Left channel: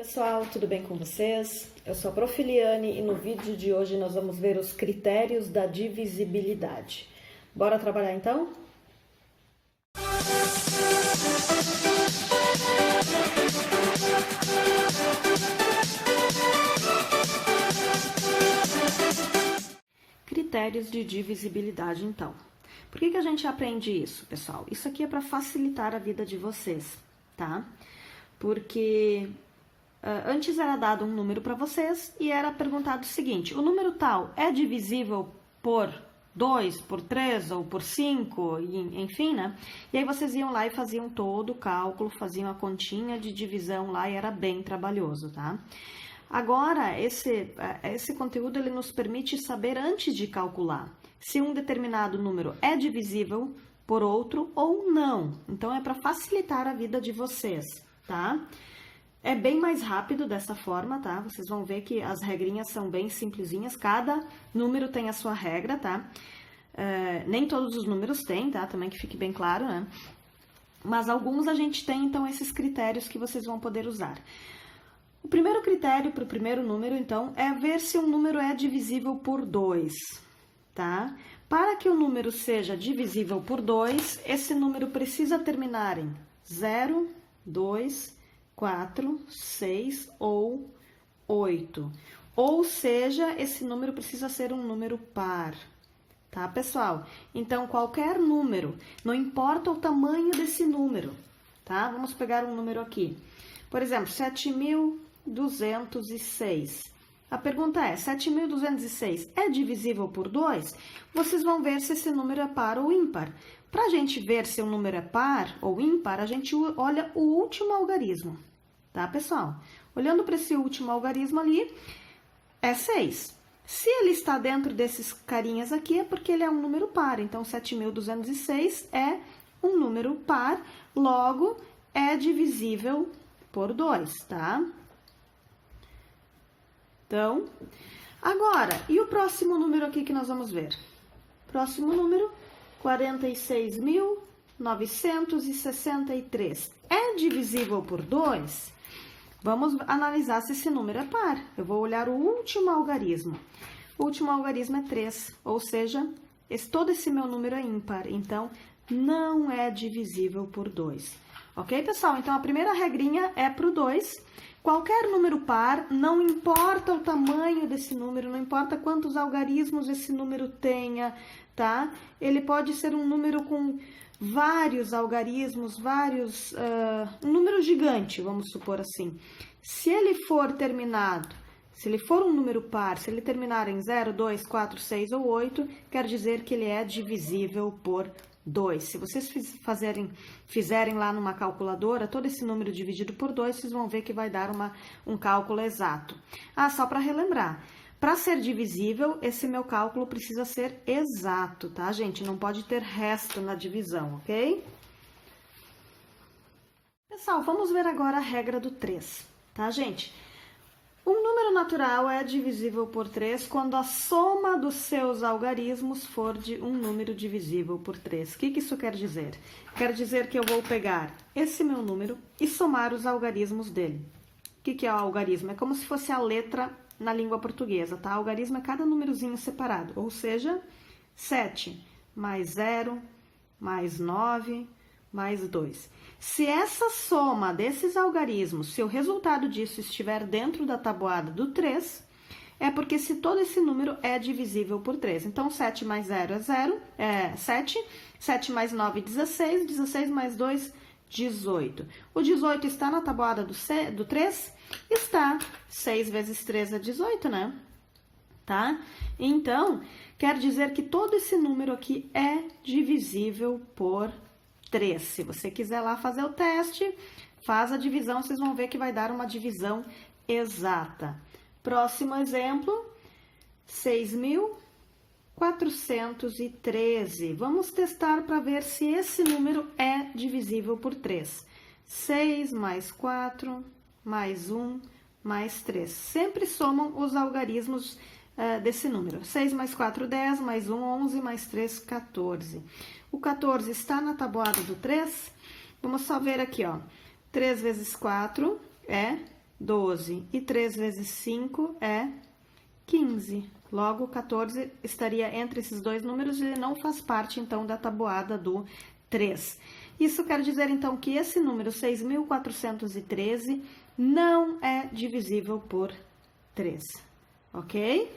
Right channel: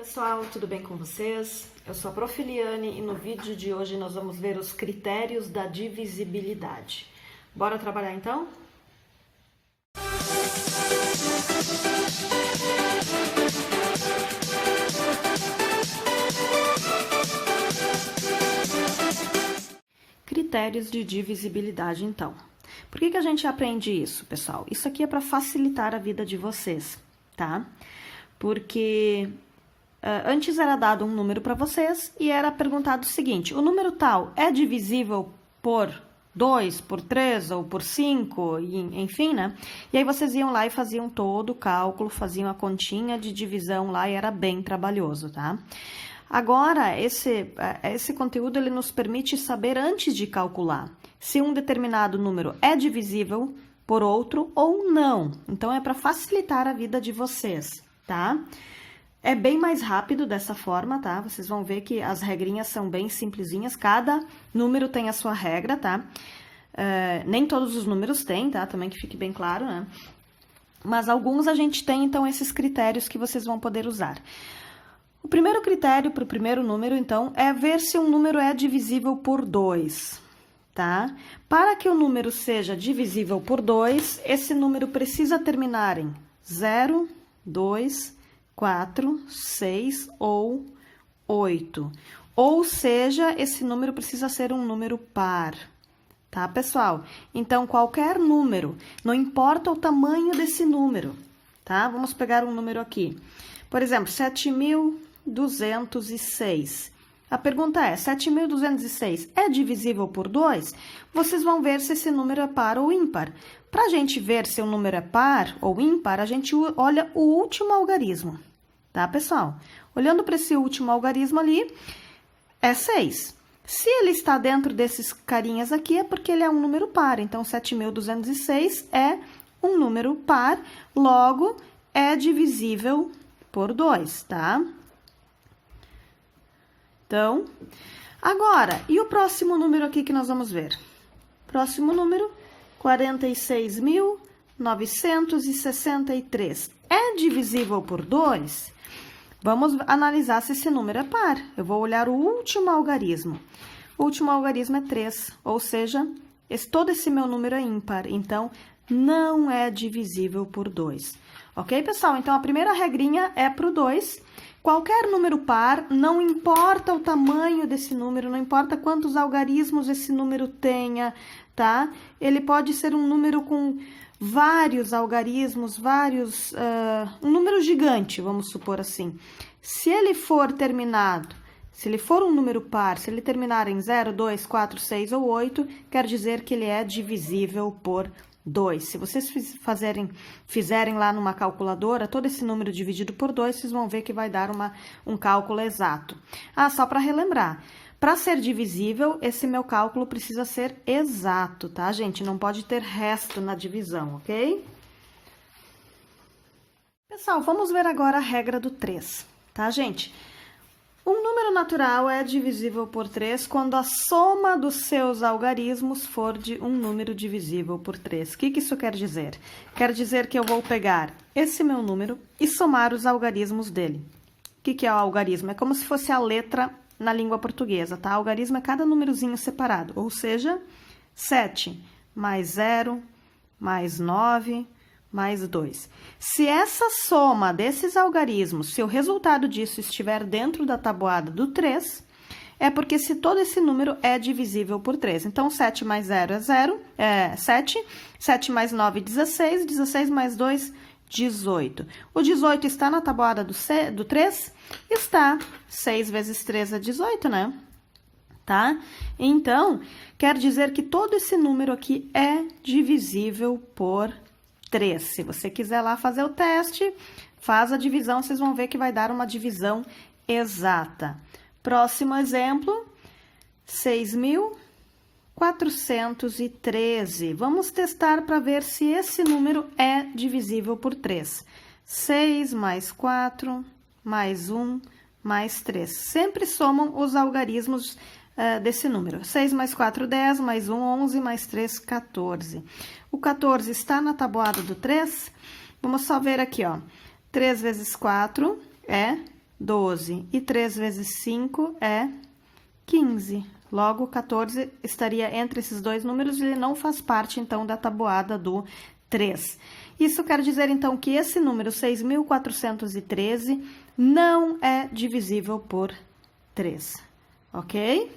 Pessoal, tudo bem com vocês? Eu sou a Prof. Eliane e no vídeo de hoje nós vamos ver os critérios da divisibilidade. Bora trabalhar então? Critérios de divisibilidade então. Por que a gente aprende isso, pessoal? Isso aqui é para facilitar a vida de vocês, tá? Porque antes era dado um número para vocês e era perguntado o seguinte: o número tal é divisível por 2, por 3 ou por 5, enfim, né? E aí vocês iam lá e faziam todo o cálculo, faziam a continha de divisão lá e era bem trabalhoso, tá? Agora, esse conteúdo ele nos permite saber antes de calcular se um determinado número é divisível por outro ou não. Então, é para facilitar a vida de vocês, tá? É bem mais rápido dessa forma, tá? Vocês vão ver que as regrinhas são bem simplesinhas, cada número tem a sua regra, tá? Nem todos os números têm, tá? Também que fique bem claro, né? Mas alguns a gente tem, então, esses critérios que vocês vão poder usar. O primeiro critério para o primeiro número, então, é ver se um número é divisível por 2, tá? Para que o número seja divisível por 2, esse número precisa terminar em 0, 2, 4, 6 ou 8. Ou seja, esse número precisa ser um número par, tá, pessoal? Então, qualquer número, não importa o tamanho desse número, tá? Vamos pegar um número aqui. Por exemplo, 7.206. A pergunta é, 7.206 é divisível por 2? Vocês vão ver se esse número é par ou ímpar. Para a gente ver se o número é par ou ímpar, a gente olha o último algarismo, tá, pessoal? Olhando para esse último algarismo ali, é 6. Se ele está dentro desses carinhas aqui, é porque ele é um número par. Então, 7.206 é um número par, logo, é divisível por 2, tá? Então, agora, e o próximo número aqui que nós vamos ver? Próximo número, 46.963. É divisível por 2? Vamos analisar se esse número é par. Eu vou olhar o último algarismo. O último algarismo é 3, ou seja, todo esse meu número é ímpar. Então, não é divisível por 2. Ok, pessoal? Então, a primeira regrinha é para o 2. Qualquer número par, não importa o tamanho desse número, não importa quantos algarismos esse número tenha, tá? Ele pode ser um número com vários algarismos, um número gigante, vamos supor assim. Se ele for terminado, se ele for um número par, se ele terminar em 0, 2, 4, 6 ou 8, quer dizer que ele é divisível por 2. Se vocês fizerem lá numa calculadora, todo esse número dividido por 2, vocês vão ver que vai dar um cálculo exato. Só para relembrar, para ser divisível, esse meu cálculo precisa ser exato, tá, gente? Não pode ter resto na divisão, ok? Pessoal, vamos ver agora a regra do 3, tá, gente? Um número natural é divisível por 3 quando a soma dos seus algarismos for de um número divisível por 3. O que isso quer dizer? Quer dizer que eu vou pegar esse meu número e somar os algarismos dele. O que é o algarismo? É como se fosse a letra na língua portuguesa, tá? Algarismo é cada númerozinho separado, ou seja, 7 mais 0 mais 9 mais 2. Se essa soma desses algarismos, se o resultado disso estiver dentro da tabuada do 3, é porque se todo esse número é divisível por 3. Então, 7 mais 0 é 7, 7 mais 9, 16, 16 mais 2, 18. O 18 está na tabuada do 3? Está. 6 vezes 3 é 18, né? Tá? Então, quer dizer que todo esse número aqui é divisível por 3. Se você quiser lá fazer o teste, faz a divisão, vocês vão ver que vai dar uma divisão exata. Próximo exemplo, 6.413. Vamos testar para ver se esse número é divisível por 3. 6 mais 4, mais 1, mais 3. Sempre somam os algarismos desse número. 6 mais 4, 10, mais 1, 11, mais 3, 14. O 14 está na tabuada do 3. Vamos só ver aqui, ó. 3 vezes 4 é 12. E 3 vezes 5 é 15. Logo, 14 estaria entre esses dois números e ele não faz parte, então, da tabuada do 3. Isso quer dizer, então, que esse número 6.413 não é divisível por 3, ok?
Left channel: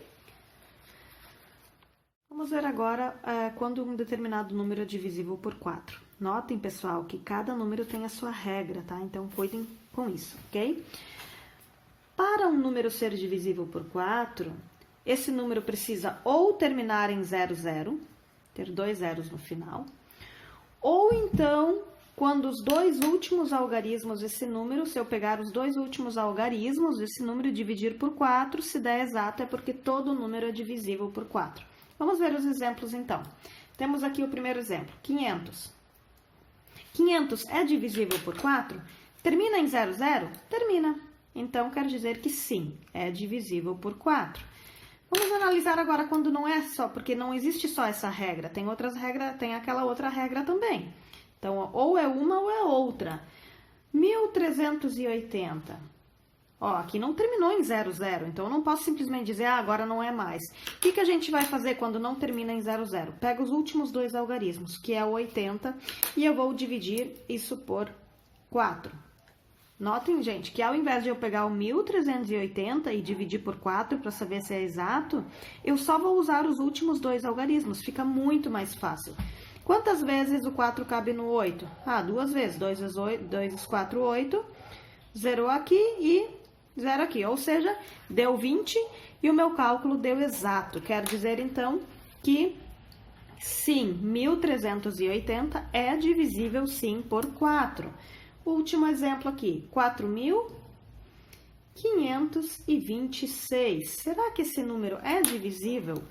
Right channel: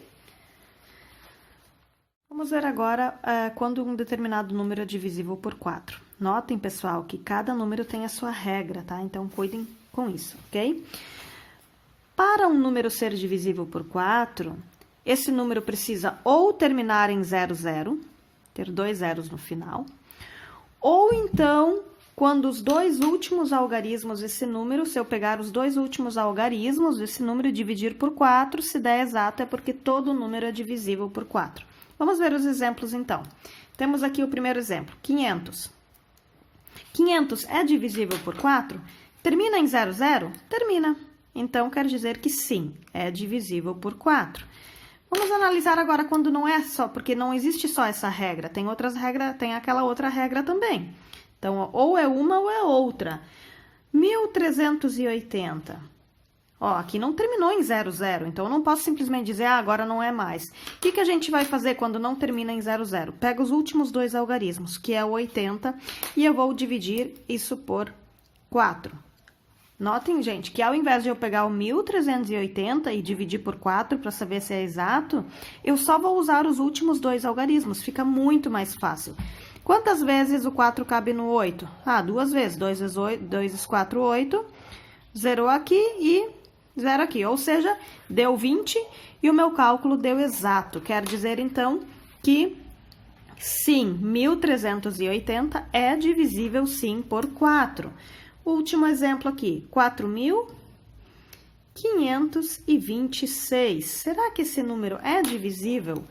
Vamos ver agora quando um determinado número é divisível por 4. Notem, pessoal, que cada número tem a sua regra, tá? Então, cuidem com isso, ok? Para um número ser divisível por 4, esse número precisa ou terminar em 00, ter 2 zeros no final, ou então, quando os dois últimos algarismos desse número, se eu pegar os dois últimos algarismos desse número e dividir por 4, se der exato, é porque todo número é divisível por 4. Vamos ver os exemplos, então. Temos aqui o primeiro exemplo, 500. 500 é divisível por 4? Termina em 00? Termina. Então, quer dizer que sim, é divisível por 4. Vamos analisar agora quando não é só, porque não existe só essa regra, tem outras regras, tem aquela outra regra também. Então, ou é uma ou é outra. 1380. Ó, aqui não terminou em 00, então eu não posso simplesmente dizer, agora não é mais. O que a gente vai fazer quando não termina em 00? Pega os últimos dois algarismos, que é o 80, e eu vou dividir isso por 4. Notem, gente, que ao invés de eu pegar o 1380 e dividir por 4 para saber se é exato, eu só vou usar os últimos dois algarismos, fica muito mais fácil. Quantas vezes o 4 cabe no 8? Ah, 2 vezes. 2 vezes 8, 2 vezes 4, 8. Zerou aqui e 0 aqui. Ou seja, deu 20 e o meu cálculo deu exato. Quer dizer, então, que sim, 1380 é divisível sim por 4. Último exemplo aqui, 4.526. Será que esse número é divisível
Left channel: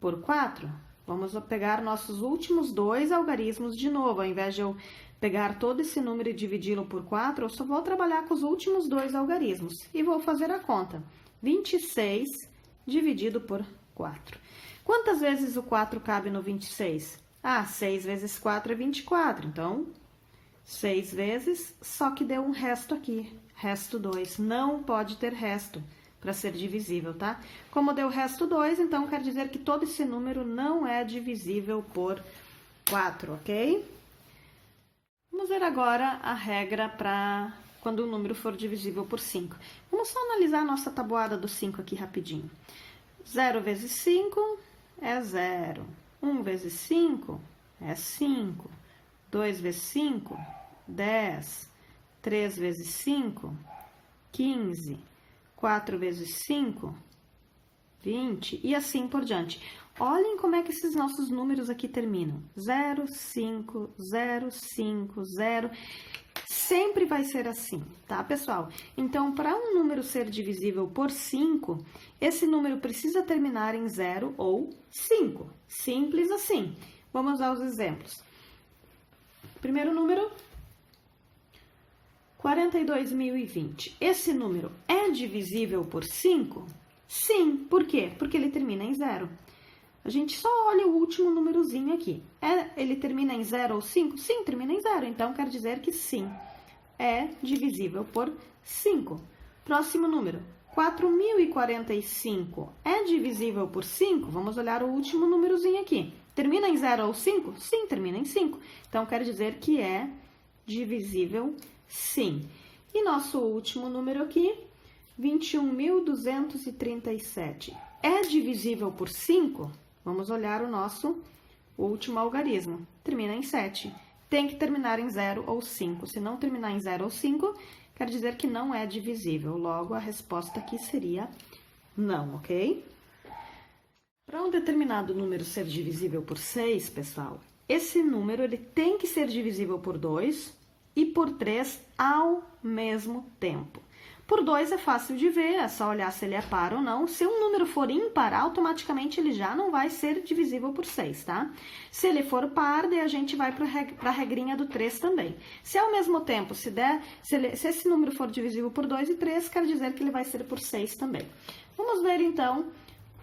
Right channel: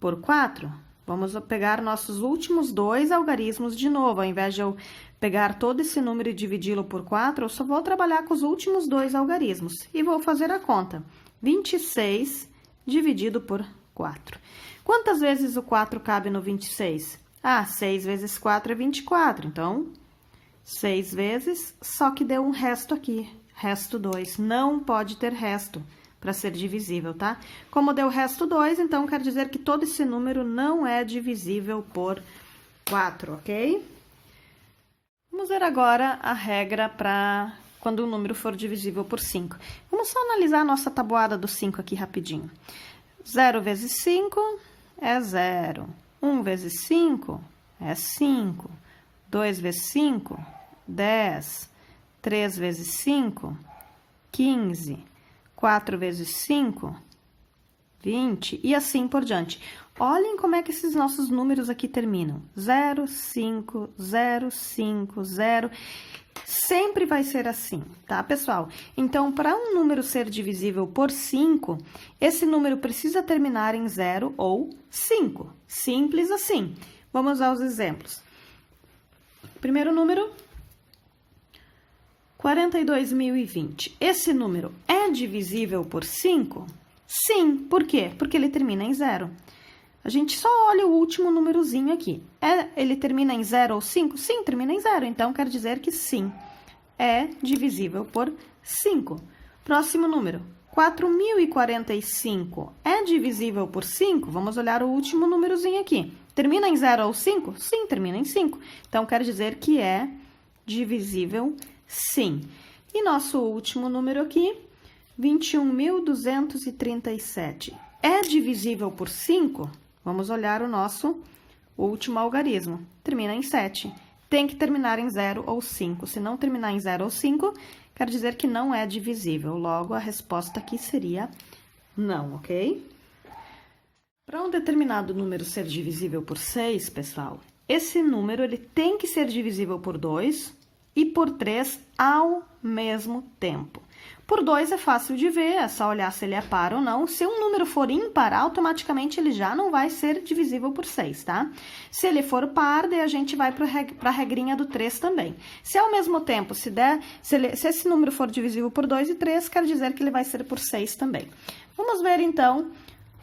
por 4? Vamos pegar nossos últimos dois algarismos de novo. Ao invés de eu pegar todo esse número e dividi-lo por 4, eu só vou trabalhar com os últimos dois algarismos. E vou fazer a conta. 26 dividido por 4. Quantas vezes o 4 cabe no 26? Ah, 6 vezes 4 é 24. Então, 6 vezes, só que deu um resto aqui. Resto 2. Não pode ter resto para ser divisível, tá? Como deu resto 2, então quer dizer que todo esse número não é divisível por 4, ok? Vamos ver agora a regra para quando o número for divisível por 5. Vamos só analisar a nossa tabuada do 5 aqui rapidinho. 0 vezes 5 é 0. 1 vezes 5 é 5. 2 vezes 5, 10. 3 vezes 5, 15. 4 vezes 5, 20. E assim por diante. Olhem como é que esses nossos números aqui terminam. 0, 5, 0, 5, 0. Sempre vai ser assim, tá, pessoal? Então, para um número ser divisível por 5, esse número precisa terminar em 0 ou 5. Simples assim. Vamos aos exemplos. Primeiro número, 42.020. Esse número é divisível por 5? Sim. Por quê? Porque ele termina em 0. A gente só olha o último númerozinho aqui. Ele termina em 0 ou 5? Sim, termina em 0. Então, quer dizer que sim, é divisível por 5. Próximo número, 4.045. É divisível por 5? Vamos olhar o último númerozinho aqui. Termina em 0 ou 5? Sim, termina em 5. Então, quer dizer que é divisível, sim. E nosso último número aqui, 21.237. É divisível por 5? Vamos olhar o nosso último algarismo. Termina em 7. Tem que terminar em 0 ou 5. Se não terminar em 0 ou 5, quer dizer que não é divisível. Logo, a resposta aqui seria não, ok? Para um determinado número ser divisível por 6, pessoal, esse número ele tem que ser divisível por 2 e por 3 ao mesmo tempo. Por 2 é fácil de ver, é só olhar se ele é par ou não. Se um número for ímpar, automaticamente ele já não vai ser divisível por 6, tá? Se ele for par, daí a gente vai para a regrinha do 3 também. Se ao mesmo tempo, se esse número for divisível por 2 e 3, quer dizer que ele vai ser por 6 também. Vamos ver, então,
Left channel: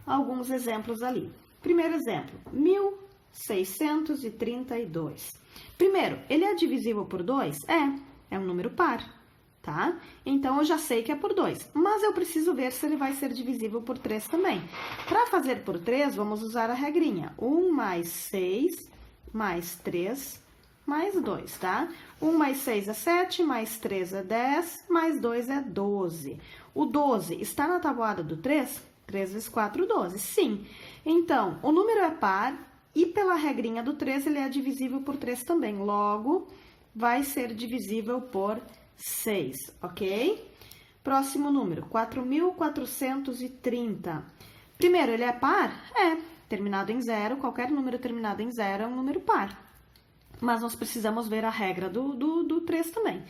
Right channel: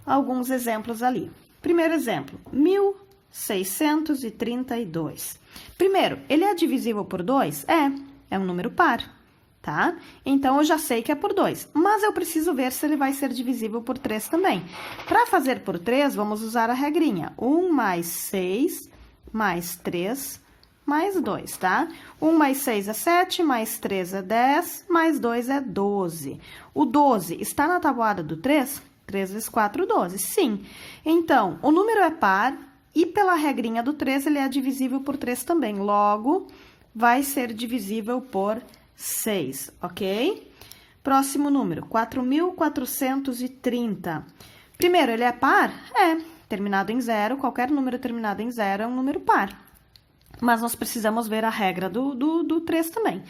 alguns exemplos ali. Primeiro exemplo, 1.632. Primeiro, ele é divisível por 2? É um número par. tá? Então, eu já sei que é por 2, mas eu preciso ver se ele vai ser divisível por 3 também. Para fazer por 3, vamos usar a regrinha. 1 mais 6, mais 3, mais 2, tá? 1 mais 6 é 7, mais 3 é 10, mais 2 é 12. O 12 está na tabuada do 3? 3 vezes 4, 12, sim. Então, o número é par e pela regrinha do 3, ele é divisível por 3 também. Logo, vai ser divisível por 6, ok? Próximo número, 4.430. Primeiro, ele é par? É, terminado em 0, qualquer número terminado em 0 é um número par. Mas nós precisamos ver a regra do 3 também.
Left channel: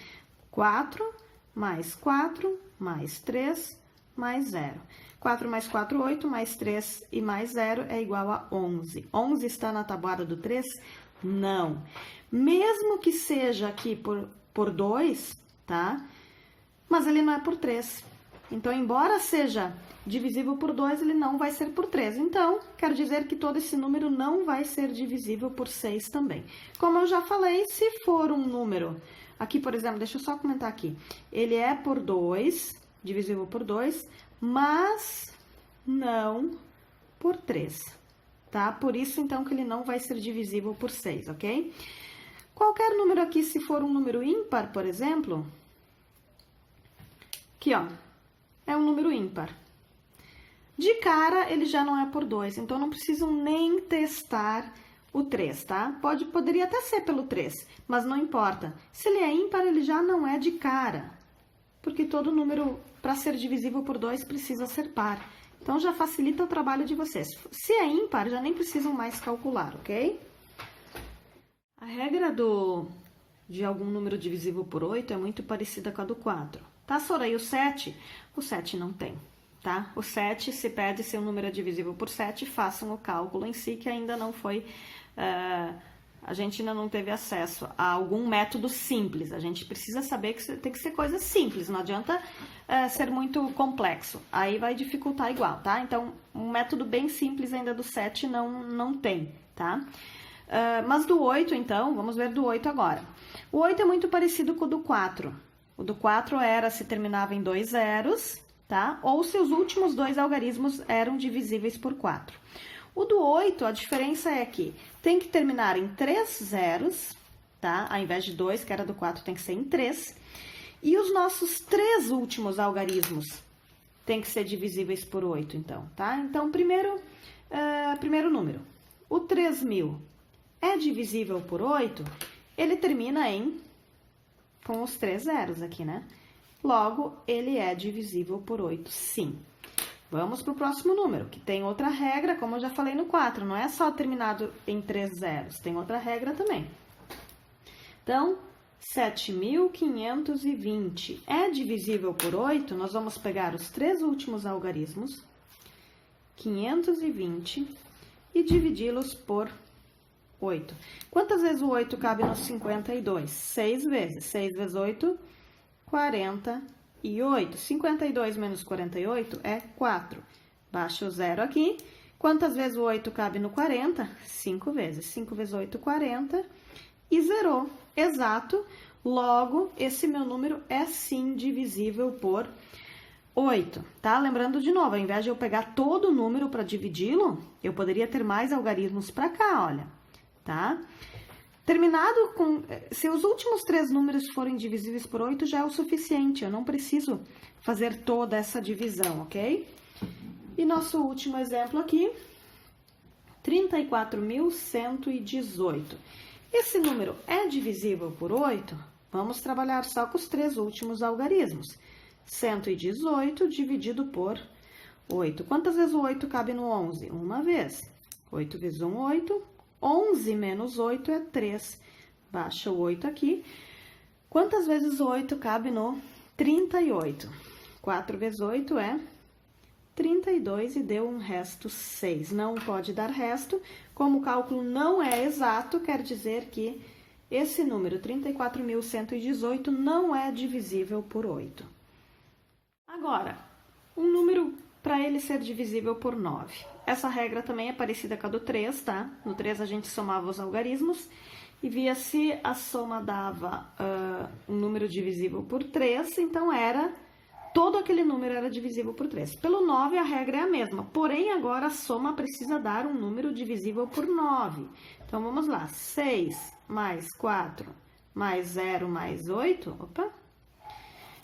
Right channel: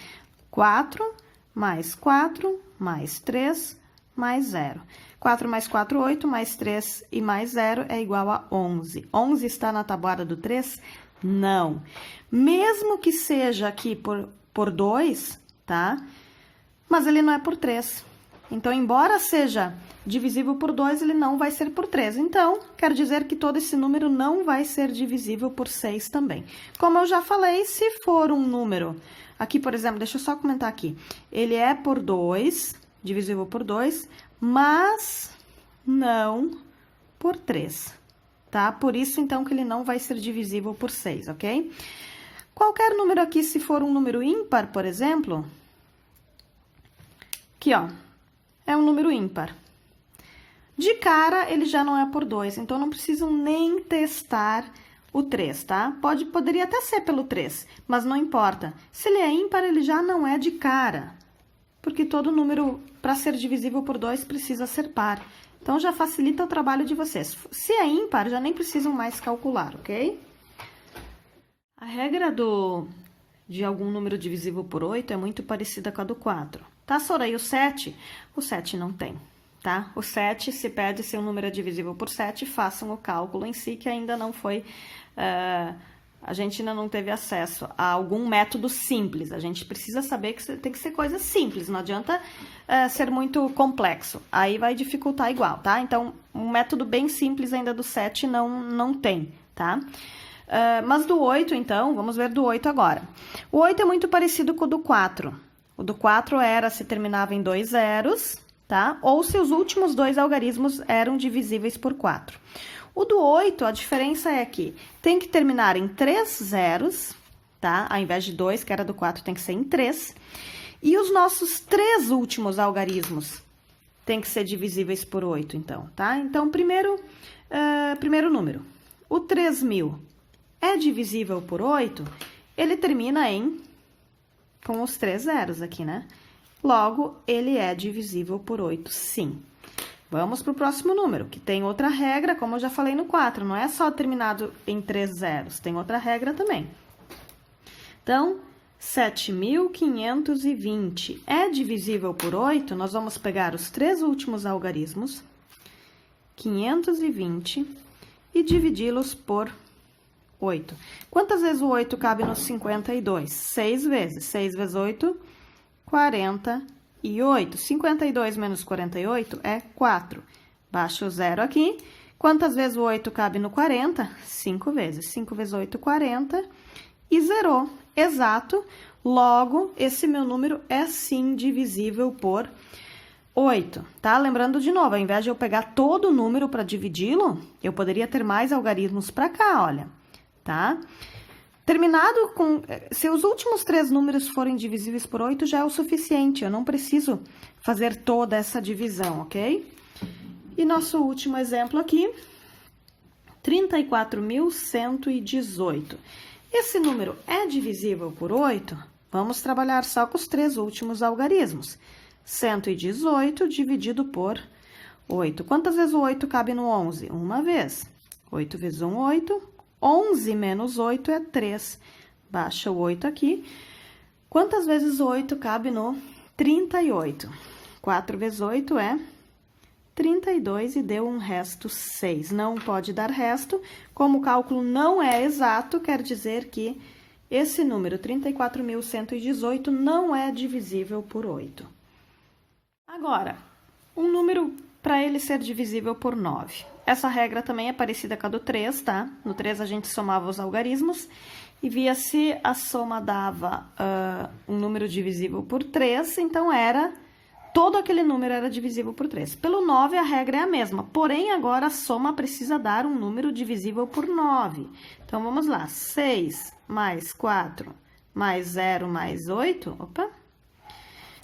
4 mais 4 mais 3 mais 0. 4 mais 4, 8, mais 3 e mais 0 é igual a 11. 11 está na tabuada do 3? Não. Mesmo que seja aqui por 2, tá? Mas ele não é por 3. Então, embora seja divisível por 2, ele não vai ser por 3. Então, quer dizer que todo esse número não vai ser divisível por 6 também. Como eu já falei, se for um número... Aqui, por exemplo, deixa eu só comentar aqui. Ele é por 2, divisível por 2, mas não por 3, tá? Por isso, então, que ele não vai ser divisível por 6, ok? Qualquer número aqui, se for um número ímpar, por exemplo... Aqui, ó, é um número ímpar. De cara, ele já não é por 2, então não preciso nem testar o 3, tá? Poderia até ser pelo 3, mas não importa. Se ele é ímpar, ele já não é de cara, porque todo número, para ser divisível por 2, precisa ser par. Então, já facilita o trabalho de vocês. Se é ímpar, já nem precisam mais calcular, ok? A regra de algum número divisível por 8 é muito parecida com a do 4. Tá, Sora? E o 7? O 7 não tem, tá? O 7, se pede se o número é divisível por 7, façam o cálculo em si, que ainda não foi... a gente ainda não teve acesso a algum método simples. A gente precisa saber que tem que ser coisa simples, não adianta ser muito complexo. Aí vai dificultar igual, tá? Então, um método bem simples ainda do 7 não tem, tá? Mas do 8, então, vamos ver do 8 agora. O 8 é muito parecido com o do 4. O do 4 era se terminava em 2 zeros, tá? Ou se os últimos 2 algarismos eram divisíveis por 4. O do 8, a diferença é que tem que terminar em 3 zeros, tá? Ao invés de 2, que era do 4, tem que ser em 3. E os nossos 3 últimos algarismos tem que ser divisíveis por 8, então, tá? Então, primeiro número. O 3.000 é divisível por 8, ele termina com os 3 zeros aqui, né? Logo, ele é divisível por 8, sim. Vamos para o próximo número, que tem outra regra, como eu já falei no 4, não é só terminado em 3 zeros, tem outra regra também. Então, 7.520 é divisível por 8, nós vamos pegar os 3 últimos algarismos, 520, e dividi-los por 8. Quantas vezes o 8 cabe no 52? 6 vezes. 6 vezes 8, 48. 52 menos 48 é 4. Baixa o 0 aqui. Quantas vezes o 8 cabe no 40? 5 vezes. 5 vezes 8, 40. E zerou. Exato. Logo, esse meu número é sim divisível por 8, tá? Lembrando de novo, ao invés de eu pegar todo o número para dividi-lo, eu poderia ter mais algarismos para cá, olha. Tá? Terminado com... Se os últimos 3 números forem divisíveis por 8, já é o suficiente. Eu não preciso fazer toda essa divisão, ok? E nosso último exemplo aqui, 34.118. Esse número é divisível por 8? Vamos trabalhar só com os 3 últimos algarismos. 118 dividido por 8. Quantas vezes o 8 cabe no 11? Uma vez. 8 vezes 1, 8. 11 menos 8 é 3. Baixa o 8 aqui. Quantas vezes 8 cabe no 38? 4 vezes 8 é 32 e deu um resto 6. Não pode dar resto. Como o cálculo não é exato, quer dizer que esse número, 34.118, não é divisível por 8. Agora, um número para ele ser divisível por 9. Essa regra também é parecida com a do 3, tá? No 3 a gente somava os algarismos e via se a soma dava um número divisível por 3, então todo aquele número era divisível por 3. Pelo 9, a regra é a mesma, porém, agora a soma precisa dar um número divisível por 9. Então, vamos lá, 6 mais 4 mais 0 mais 8,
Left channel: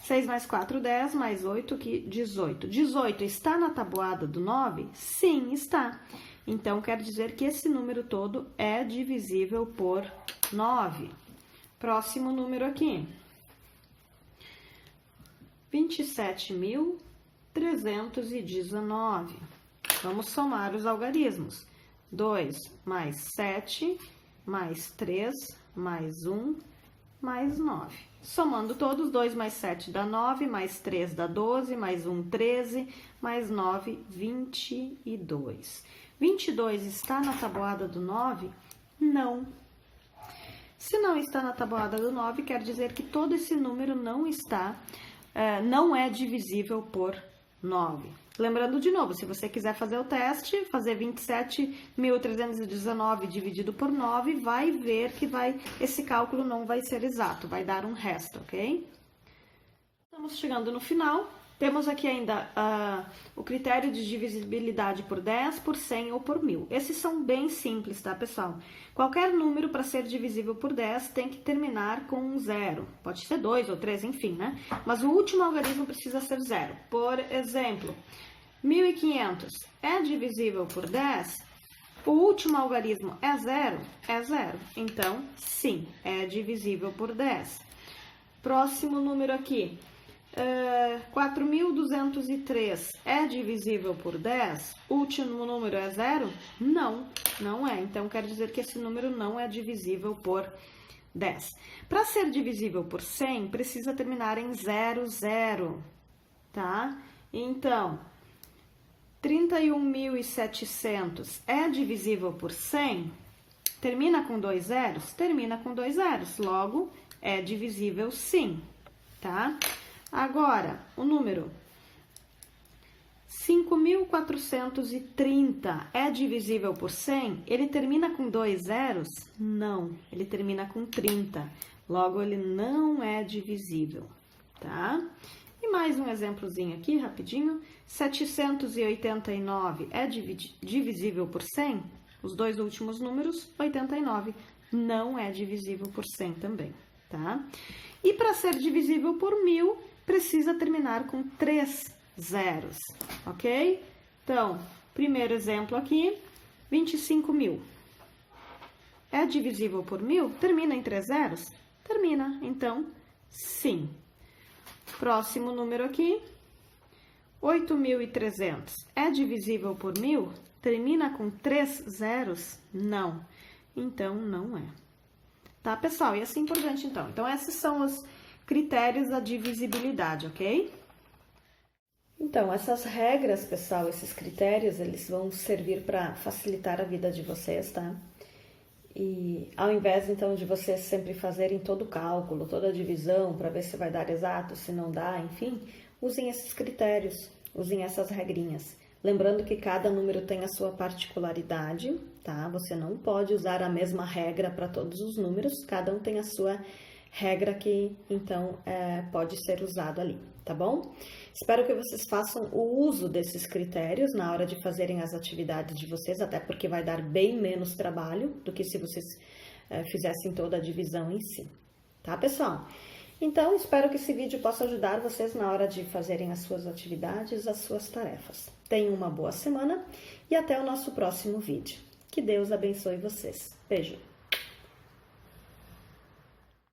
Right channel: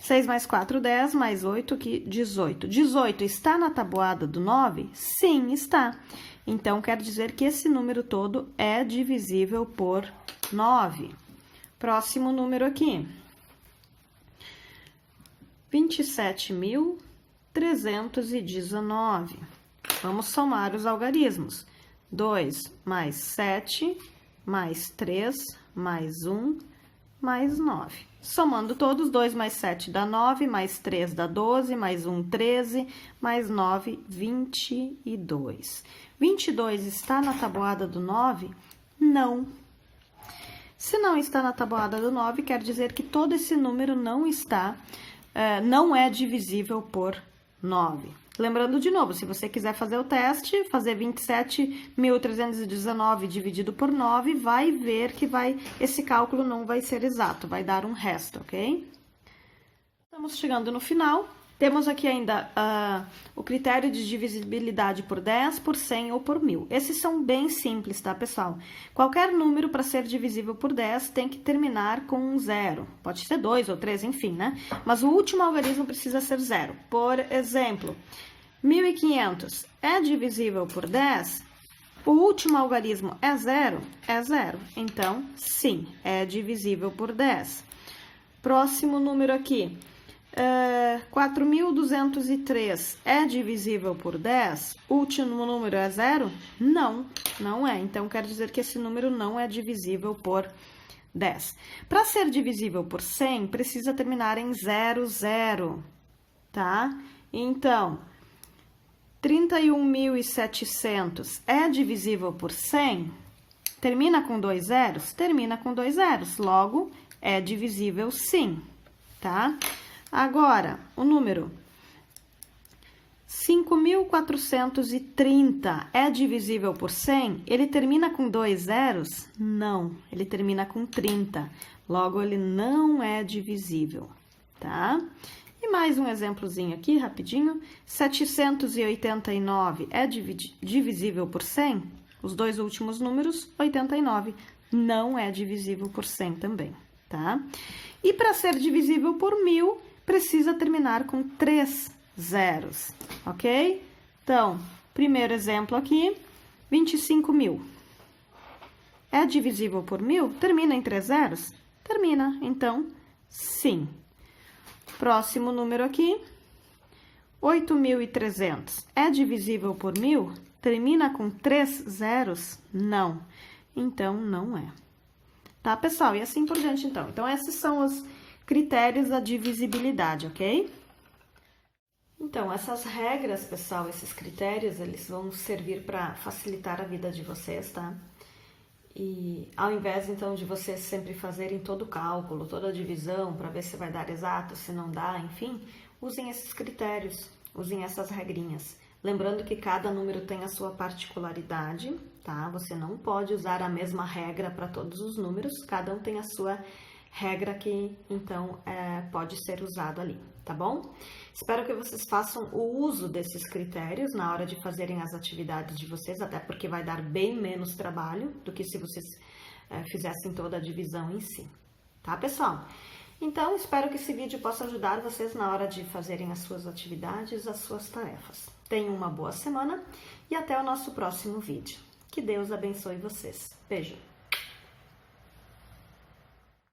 6 mais 4, 10, mais 8, 18. 18 está na tabuada do 9? Sim, está. Então, quer dizer que esse número todo é divisível por 9. Próximo número aqui. 27.319. Vamos somar os algarismos. 2 mais 7, mais 3, mais 1, mais 9. Somando todos, 2 mais 7 dá 9, mais 3 dá 12, mais 1, 13, mais 9, 22. 22 está na tabuada do 9? Não. Se não está na tabuada do 9, quer dizer que todo esse número não é divisível por 9. Lembrando de novo, se você quiser fazer o teste, fazer 27.319 dividido por 9, vai ver que esse cálculo não vai ser exato, vai dar um resto, ok? Estamos chegando no final. Temos aqui ainda o critério de divisibilidade por 10, por 100 ou por 1000. Esses são bem simples, tá, pessoal? Qualquer número para ser divisível por 10 tem que terminar com um 0. Pode ser 2 ou 3, enfim, né? Mas o último algarismo precisa ser 0. Por exemplo, 1.500 é divisível por 10? O último algarismo é 0? É 0. Então, sim, é divisível por 10. Próximo número aqui. 4.203 é divisível por 10? O último número é 0? Não, não é. Então, quer dizer que esse número não é divisível por 10. Para ser divisível por 100, precisa terminar em 00, tá? Então, 31.700 é divisível por 100? Termina com 2 zeros? Termina com 2 zeros. Logo, é divisível sim, tá? Agora, o número 5.430 é divisível por 100? Ele termina com 2 zeros? Não, ele termina com 30. Logo, ele não é divisível, tá? E mais um exemplozinho aqui, rapidinho. 789 é divisível por 100? Os dois últimos números, 89, não é divisível por 100 também, tá? E para ser divisível por 1000, precisa terminar com 3 zeros, ok? Então, primeiro exemplo aqui, 25.000. É divisível por 1000? Termina em 3 zeros? Termina, então, sim. Próximo número aqui, 8.300. É divisível por 1000? Termina com 3 zeros? Não. Então, não é. Tá, pessoal? E assim por diante, então. Então, esses são os critérios da divisibilidade, ok? Então, essas regras, pessoal, esses critérios, eles vão servir para facilitar a vida de vocês, tá? E ao invés, então, de vocês sempre fazerem todo o cálculo, toda a divisão, para ver se vai dar exato, se não dá, enfim, usem esses critérios, usem essas regrinhas. Lembrando que cada número tem a sua particularidade, tá? Você não pode usar a mesma regra para todos os números, cada um tem a sua regra que, então, pode ser usado ali, tá bom? Espero que vocês façam o uso desses critérios na hora de fazerem as atividades de vocês, até porque vai dar bem menos trabalho do que se vocês fizessem toda a divisão em si, tá, pessoal? Então, espero que esse vídeo possa ajudar vocês na hora de fazerem as suas atividades, as suas tarefas. Tenham uma boa semana e até o nosso próximo vídeo. Que Deus abençoe vocês. Beijo!